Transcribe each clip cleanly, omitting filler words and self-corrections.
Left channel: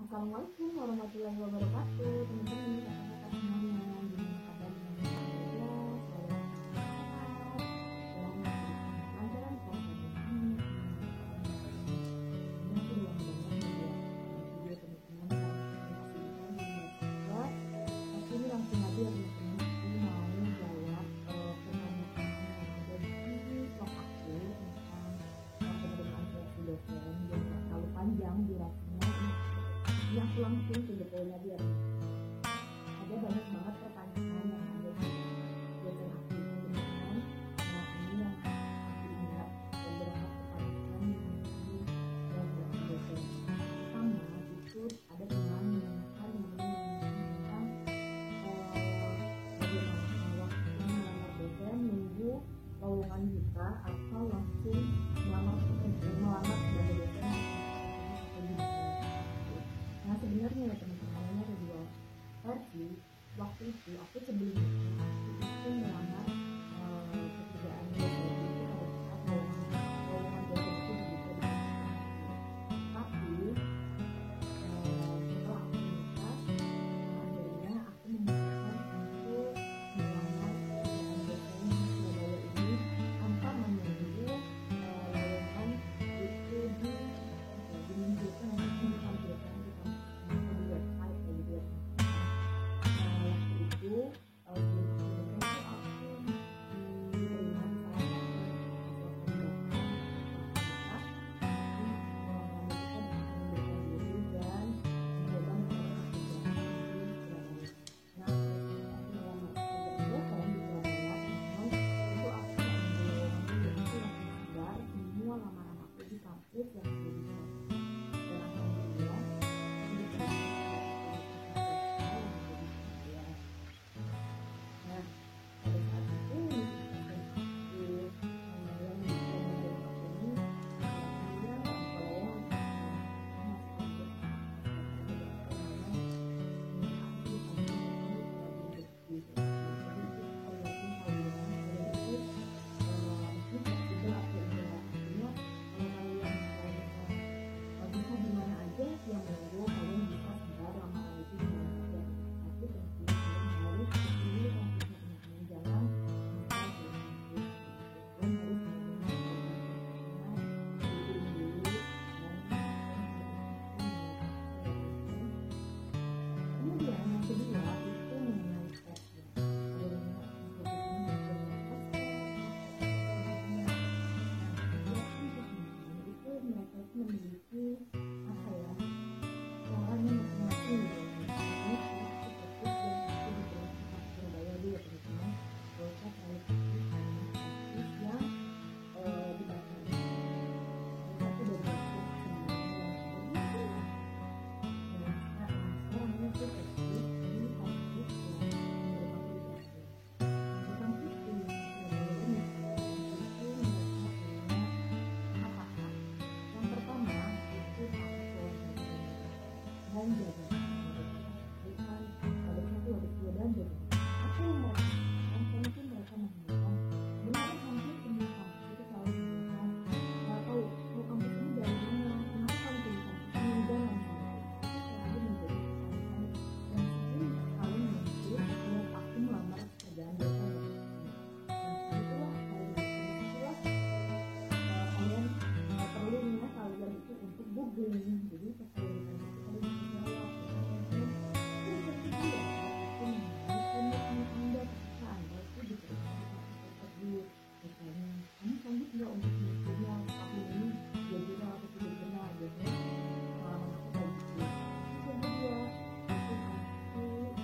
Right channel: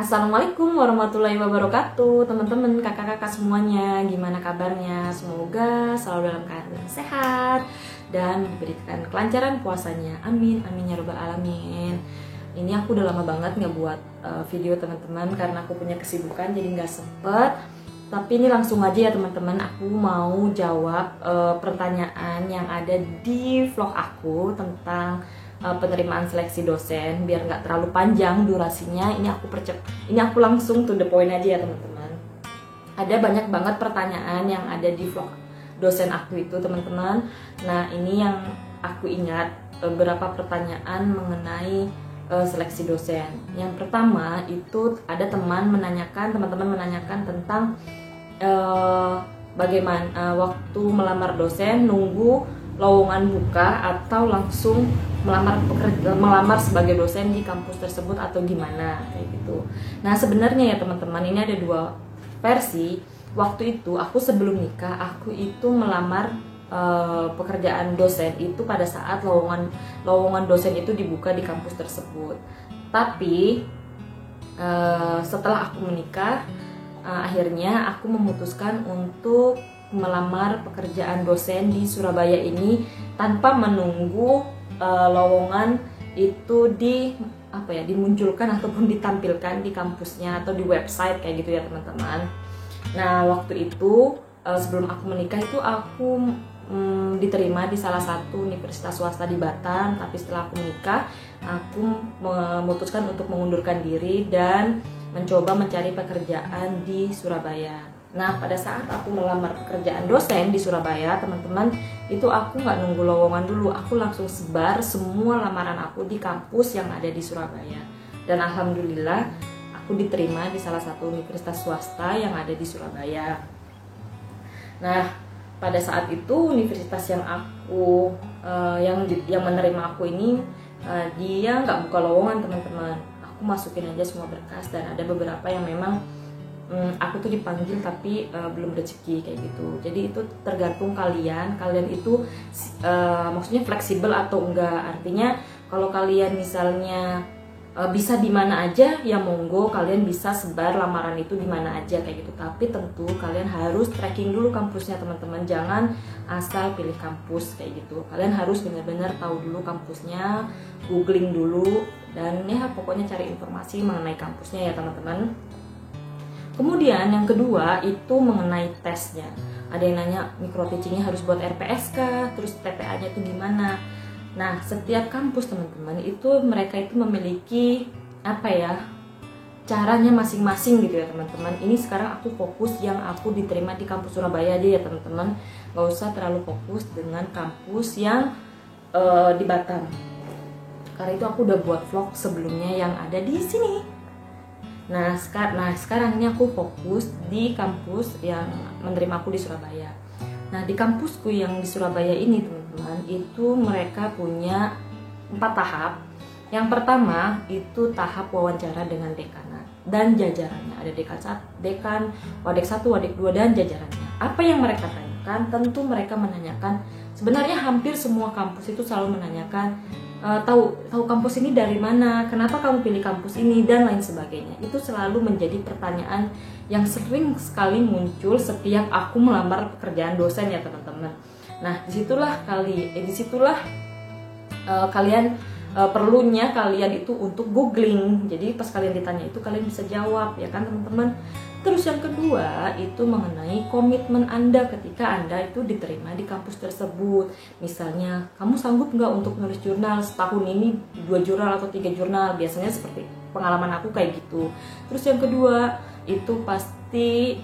Assalamualaikum warahmatullahi wabarakatuh, teman-teman, kakak-kakak semuanya. Gimana kabarnya? Semoga selalu dalam keadaan sehat dan diberikan kelancaran puasanya. Amin, amin ya rabbal alamin. Ini aku udah lama banget nggak buat video teman-teman karena aku punya kesibukan jadi nggak sempet. Tapi ini langsung aja ya teman-teman, aku mau jawab pertanyaan yang ada di vlog aku tentang penerimaan seleksi dosen. Biar nggak terlalu panjang durasinya, ini aku langsung to the point aja ya teman-teman. Ada banyak banget pertanyaan yang ada di vlog dosen aku itu teman-teman. Nah, ini yang aku ingat beberapa pertanyaan mengenai seleksi dosen. Yang pertama itu ada teman-teman menanyakan tentang bagaimana waktu melamar dosen, nunggu lowongan buka atau langsung melamar sebagai dosen di kampus tersebut atau gimana kayak gitu. Nah, sebenarnya ya teman-teman, ini ada dua versi. Waktu itu aku sebelum nikah, aku itu melamar pekerjaan dosen itu pada saat lowongan dosen itu dibuka di kampus tersebut. Tapi setelah aku menikah, akhirnya aku memutuskan untuk melamar pekerjaan dosen di Surabaya ini tanpa menunggu lowongan itu dimunculkan ataupun ditampilkan di kampusnya atau di website kayak gitu ya teman-teman. Nah, waktu itu sebelum aku menikah itu aku diterima di salah satu universitas swasta di Batam, tapi setelah aku menikah aku memutuskan untuk mengundurkan diri dan mencoba mencari pekerjaan di Surabaya. Nah, pada saat aku melamar pekerjaan dosen di Surabaya, teman-teman, itu aku nggak nunggu lowongan dulu, aku langsung sebar semua lamaran aku di kampus yang ada di Surabaya. Dan alhamdulillah, aku diterima di salah satu universitas swasta yang ada di Surabaya. Nah, pada saat itu universitas yang aku yang menerima aku ini dia nggak buka lowongan teman-teman. Aku masukin aja semua berkas dan ada beberapa yang memang aku tuh dipanggil tapi belum rezeki kayak gitu. Jadi itu tergantung kalian itu maksudnya fleksibel atau enggak. Artinya kalau kalian misalnya bisa di mana aja ya monggo, kalian bisa sebar lamaran itu di mana aja kayak gitu. Tapi tentu kalian harus tracking dulu kampusnya teman-teman. Jangan asal pilih kampus kayak gitu. Kalian harus benar-benar tahu dulu kampusnya, googling dulu, dan ya pokoknya cari informasi mengenai kampusnya ya teman-teman. Kemudian yang kedua itu mengenai tesnya. Ada yang nanya micro teachingnya harus buat RPS kah? Terus TPA-nya itu gimana? Nah, setiap kampus teman-teman itu mereka itu memiliki caranya masing-masing gitu ya teman-teman. Ini sekarang aku fokus yang aku diterima di kampus Surabaya aja ya teman-teman. Gak usah terlalu fokus dengan kampus yang di Batam. Karena itu aku udah buat vlog sebelumnya yang ada di sini. Nah, sekarang ini aku fokus di kampus yang menerima aku di Surabaya. Nah, di kampusku yang di Surabaya ini teman-teman, itu mereka punya 4 tahap. Yang pertama itu tahap wawancara dengan dekanat dan jajarannya. Ada dekan, wadek 1, wadek 2 dan jajarannya. Apa yang mereka tanyakan? Tentu mereka menanyakan, sebenarnya hampir semua kampus itu selalu menanyakan tahu kampus ini dari mana, kenapa kamu pilih kampus ini, dan lain sebagainya. Itu selalu menjadi pertanyaan yang sering sekali muncul setiap aku melamar pekerjaan dosen ya teman-teman. Nah, disitulah kalian perlunya kalian itu untuk googling. Jadi pas kalian ditanya itu kalian bisa jawab ya kan teman-teman. Terus yang kedua itu mengenai komitmen Anda ketika Anda itu diterima di kampus tersebut. Misalnya, kamu sanggup nggak untuk nulis jurnal setahun ini 2 jurnal atau 3 jurnal? Biasanya seperti pengalaman aku kayak gitu. Terus yang kedua itu pasti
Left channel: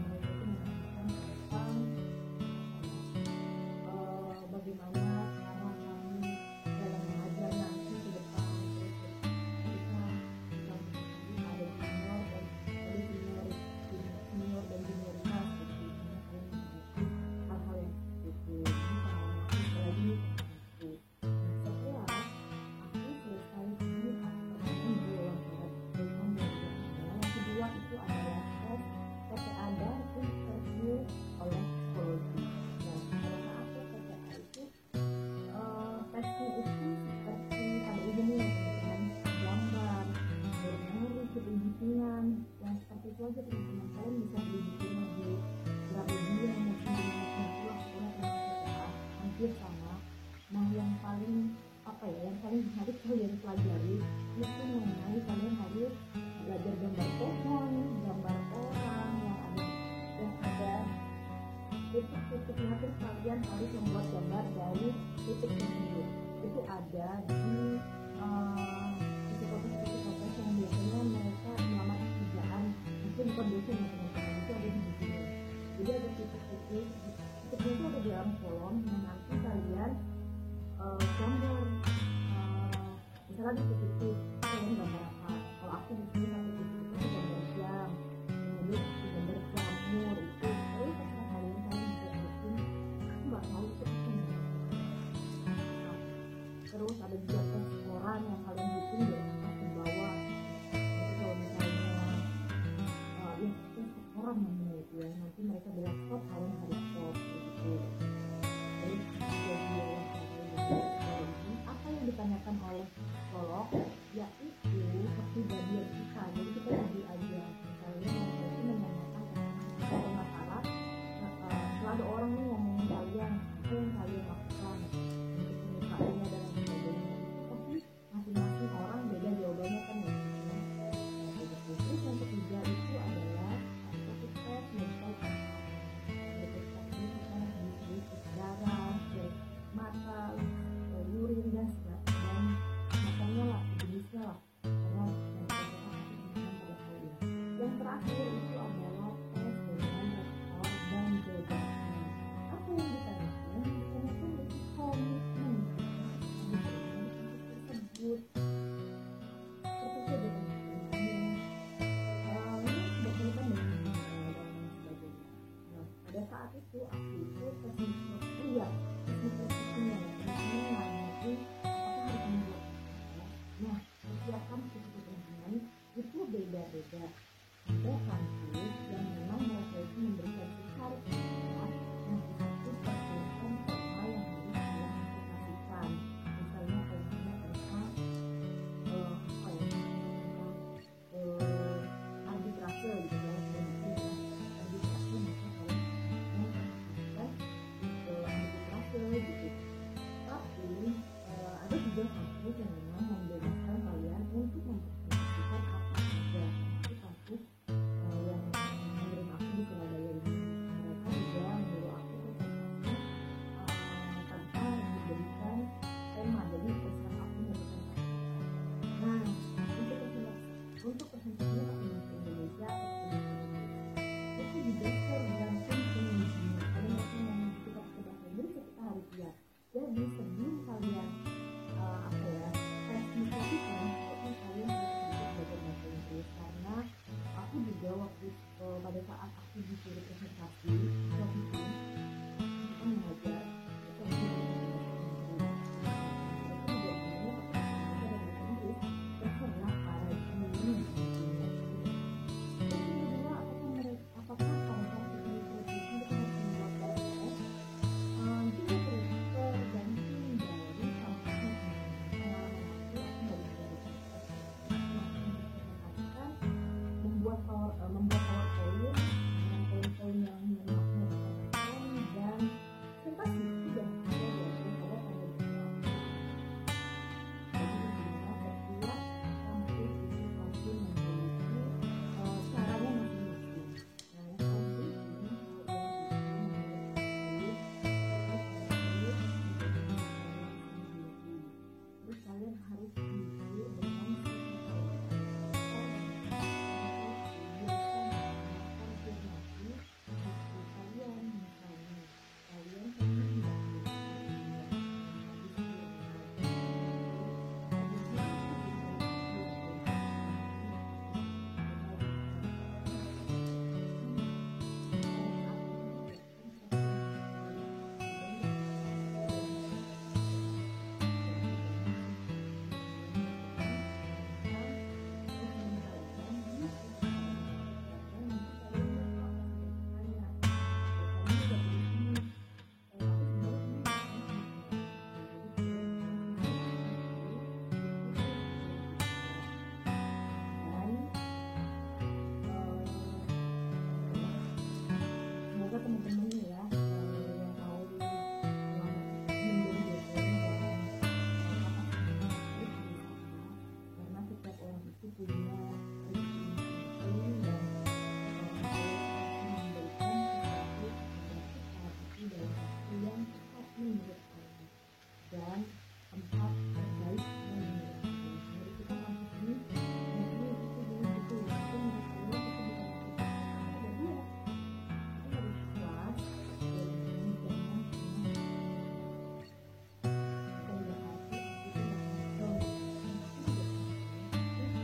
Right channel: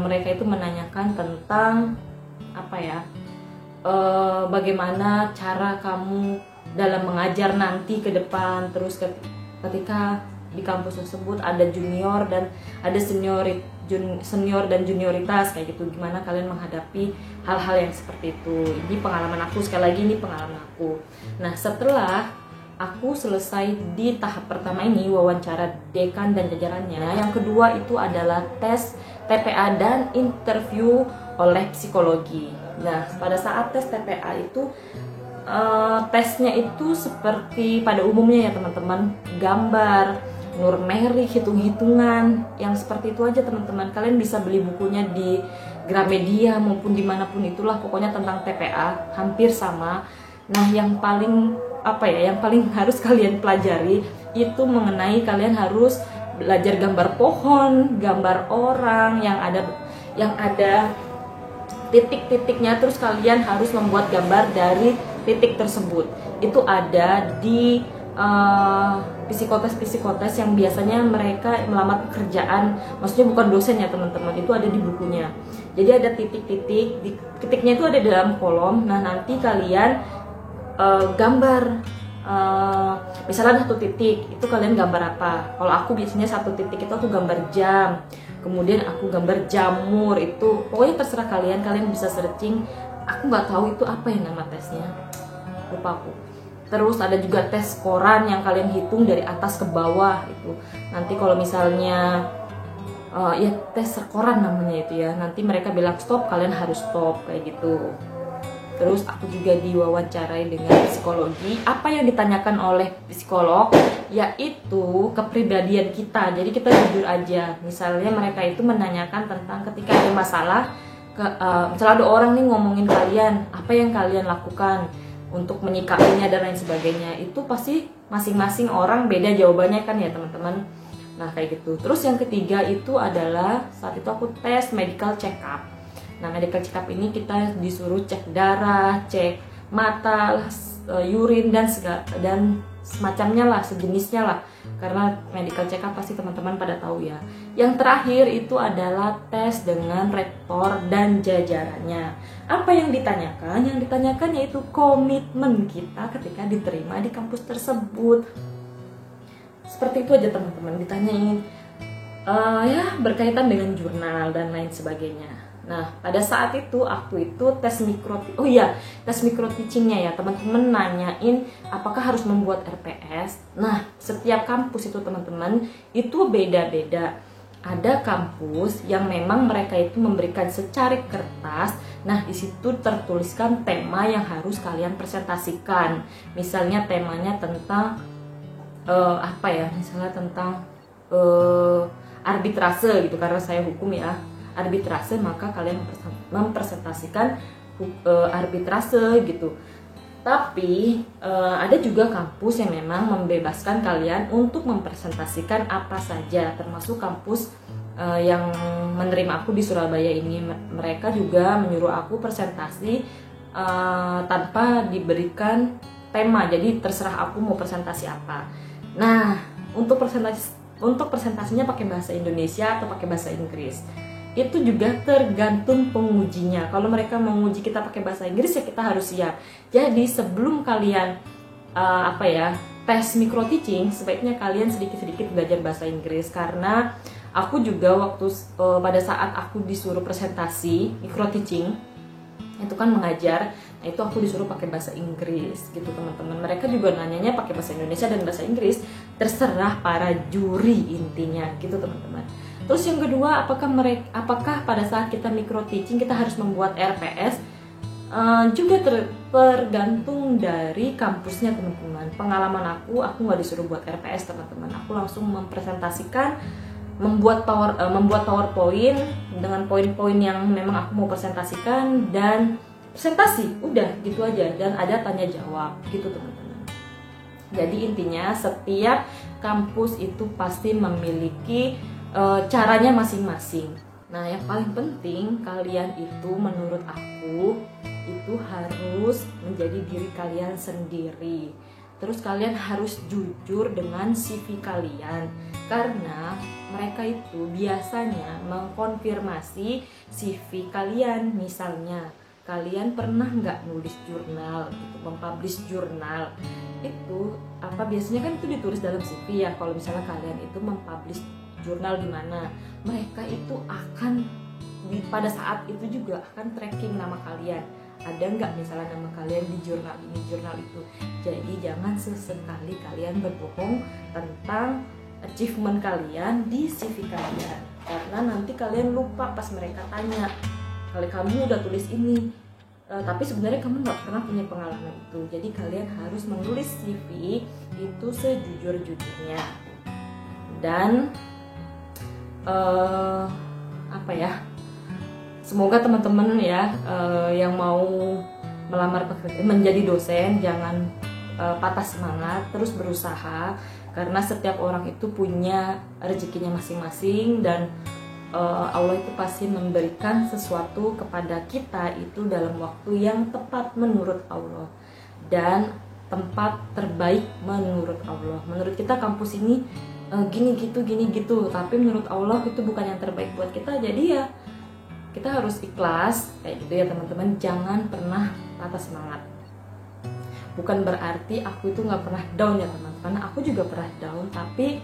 mereka itu menanyakan tentang bagaimana cara kamu dalam mengajar nanti ke depan. Terus ketika di kampus tersebut ada junior dan ada senior dan junioritas kayak gitu, gimana kalian menghadapi hal-hal yang seperti itu. Ini pengalaman aku, sekali lagi ini pengalaman aku. Nah, setelah aku selesai di tahap pertama ini wawancara dekan dan jajarannya, yang kedua itu adalah tes TPA dan interview oleh psikologi. Nah, pada saat tes TPA itu tesnya itu seperti pada umumnya ya teman-teman, gambar, Nurmeri, hitung-hitungan, yang seperti itu aja teman-teman. Kalian bisa beli bukunya di Gramedia maupun dimanapun itulah, pokoknya tentang TPA hampir sama. Nah yang paling yang paling harus kalian pelajari itu mengenai kalian harus belajar gambar pohon, gambar orang yang ada titik-titiknya, terus kalian harus membuat gambar dari titik tersebut. Itu ada di psikotes yang biasanya mereka melamar pekerjaan, maksudnya bukan dosen ya teman-teman, itu ada di bukunya. Jadi ada titik-titik, titiknya itu ada di dalam kolom. Nah nanti kalian gambar, misalnya satu titik itu kalian gambar apa. Kalau aku biasanya satu titik itu aku gambar jam, kemudian aku gambar jamur. Itu pokoknya terserah kalian bisa searching. Aku nggak tahu itu apa yang nama tesnya, lupa aku. Terus ada juga tes koran yang kalian hitung dari atas ke bawah itu. Nanti kalau misalnya ya tes koran namanya itu ya, nanti mereka bilang stop, kalian harus stop kayak gitu. Terus aku juga diwawancarai dengan psikologi. Apa yang ditanyakan oleh psikolog yaitu kepribadian kita. Jadi kita jujur aja. Misalnya mereka itu menanyakan tentang ketika ada masalah, misalnya ada orang nih ngomongin kalian, apa yang kalian lakukan untuk menyikapinya dan lain sebagainya. Itu pasti masing-masing orang beda jawabannya kan ya teman-teman. Nah kayak gitu. Terus yang ketiga itu adalah saat itu aku tes medical check up. Nah medical check up ini kita disuruh cek darah, cek mata, urin dan semacamnya lah, sejenisnya lah. Karena medical check up pasti teman-teman pada tahu ya. Yang terakhir itu adalah tes dengan rektor dan jajarannya. Apa yang ditanyakan? Yang ditanyakan yaitu komitmen kita ketika diterima di kampus tersebut. Seperti itu aja teman-teman, ditanyain ya berkaitan dengan jurnal dan lain sebagainya. Nah pada saat itu aku itu tes mikro teachingnya ya teman-teman, nanyain apakah harus membuat RPS. Nah setiap kampus itu teman-teman itu beda-beda. Ada kampus yang memang mereka itu memberikan secarik kertas. Nah di situ tertuliskan tema yang harus kalian presentasikan. Misalnya temanya tentang misalnya tentang arbitrase gitu, karena saya hukum ya, arbitrase, maka kalian mempresentasikan arbitrase gitu. Tapi ada juga kampus yang memang membebaskan kalian untuk mempresentasikan apa saja, termasuk kampus yang menerima aku di Surabaya ini. Mereka juga menyuruh aku presentasi tanpa diberikan tema, jadi terserah aku mau presentasi apa. Nah untuk presentasinya pakai bahasa Indonesia atau pakai bahasa Inggris itu juga tergantung pengujinya. Kalau mereka menguji kita pakai bahasa Inggris ya kita harus siap. Jadi sebelum kalian tes micro teaching, sebaiknya kalian sedikit-sedikit belajar bahasa Inggris. Karena aku juga waktu pada saat aku disuruh presentasi micro teaching itu kan mengajar, nah itu aku disuruh pakai bahasa Inggris gitu teman-teman. Mereka juga nanyanya pakai bahasa Indonesia dan bahasa Inggris, terserah para juri intinya gitu teman-teman. Terus yang kedua, apakah pada saat kita micro teaching kita harus membuat RPS? Juga tergantung dari kampusnya teman-teman. Pengalaman aku nggak disuruh buat RPS teman-teman. Aku langsung mempresentasikan, membuat PowerPoint dengan poin-poin yang memang aku mau presentasikan dan presentasi, udah gitu aja, dan ada tanya jawab gitu teman-teman. Jadi intinya setiap kampus itu pasti memiliki caranya masing-masing. Nah yang paling penting kalian itu menurut aku itu harus menjadi diri kalian sendiri. Terus kalian harus jujur dengan CV kalian, karena mereka itu biasanya mengkonfirmasi CV kalian. Misalnya kalian pernah nggak nulis jurnal, mempublish jurnal, itu biasanya kan itu ditulis dalam CV ya. Kalau misalnya kalian itu mempublish jurnal di mana, mereka itu akan pada saat itu juga akan tracking nama kalian, ada nggak misalnya nama kalian di jurnal itu. Jadi jangan sesekali kalian berbohong tentang achievement kalian di CV kalian, karena nanti kalian lupa pas mereka tanya, kalau kamu udah tulis ini tapi sebenarnya kamu nggak pernah punya pengalaman itu. Jadi kalian harus menulis CV itu sejujur-jujurnya. Dan apa ya, semoga teman-teman ya yang mau melamar pekerjaan menjadi dosen jangan patah semangat, terus berusaha, karena setiap orang itu punya rezekinya masing-masing, dan Allah itu pasti memberikan sesuatu kepada kita itu dalam waktu yang tepat menurut Allah dan tempat terbaik menurut Allah. Menurut kita kampus ini gini gitu, tapi menurut Allah itu bukan yang terbaik buat kita. Jadi ya kita harus ikhlas kayak gitu ya teman-teman. Jangan pernah patah semangat. Bukan berarti aku itu nggak pernah down ya teman-teman, karena aku juga pernah down, tapi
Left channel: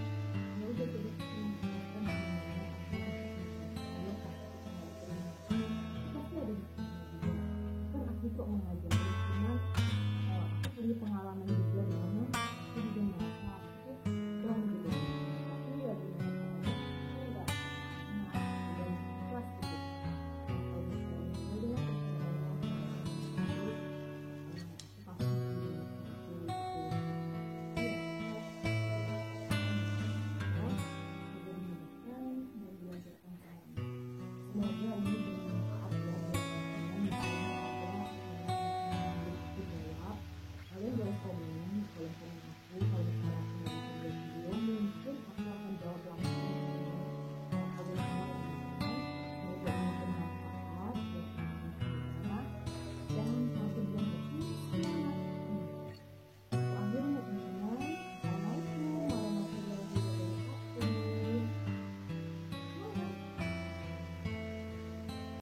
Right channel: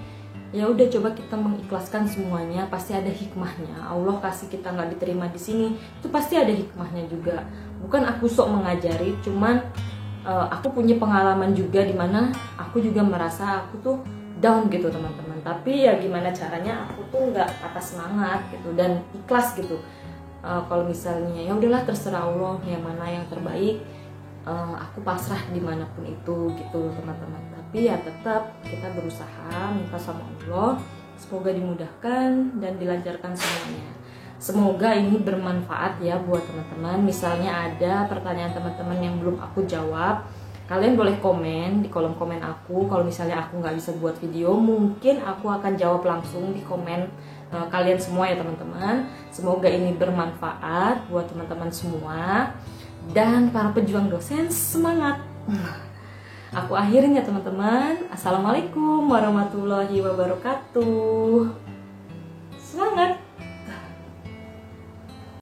ya udah, coba kita mengikhlaskan semuanya. Pasti ada hikmahnya. Allah kasih kita nggak diterima di sini, itu pasti ada hikmahnya juga. Bukan aku sok mengajari, cuman aku punya pengalaman juga dimana aku juga merasa aku tuh down gitu teman-teman. Tapi ya gimana caranya aku tuh nggak patah semangat gitu dan ikhlas gitu. Kalau misalnya ya udahlah, terserah Allah yang mana yang terbaik, aku pasrah dimanapun itu gitu teman-teman. Tapi ya tetap kita berusaha, minta sama Allah semoga dimudahkan dan dilancarkan semuanya. Semoga ini bermanfaat ya buat teman-teman. Misalnya ada pertanyaan teman-teman yang belum aku jawab, kalian boleh komen di kolom komen aku. Kalau misalnya aku nggak bisa buat video, mungkin aku akan jawab langsung di komen kalian semua ya teman-teman. Semoga ini bermanfaat buat teman-teman semua, dan para pejuang dosen semangat. Aku akhirin ya teman-teman. Assalamualaikum warahmatullahi wabarakatuh.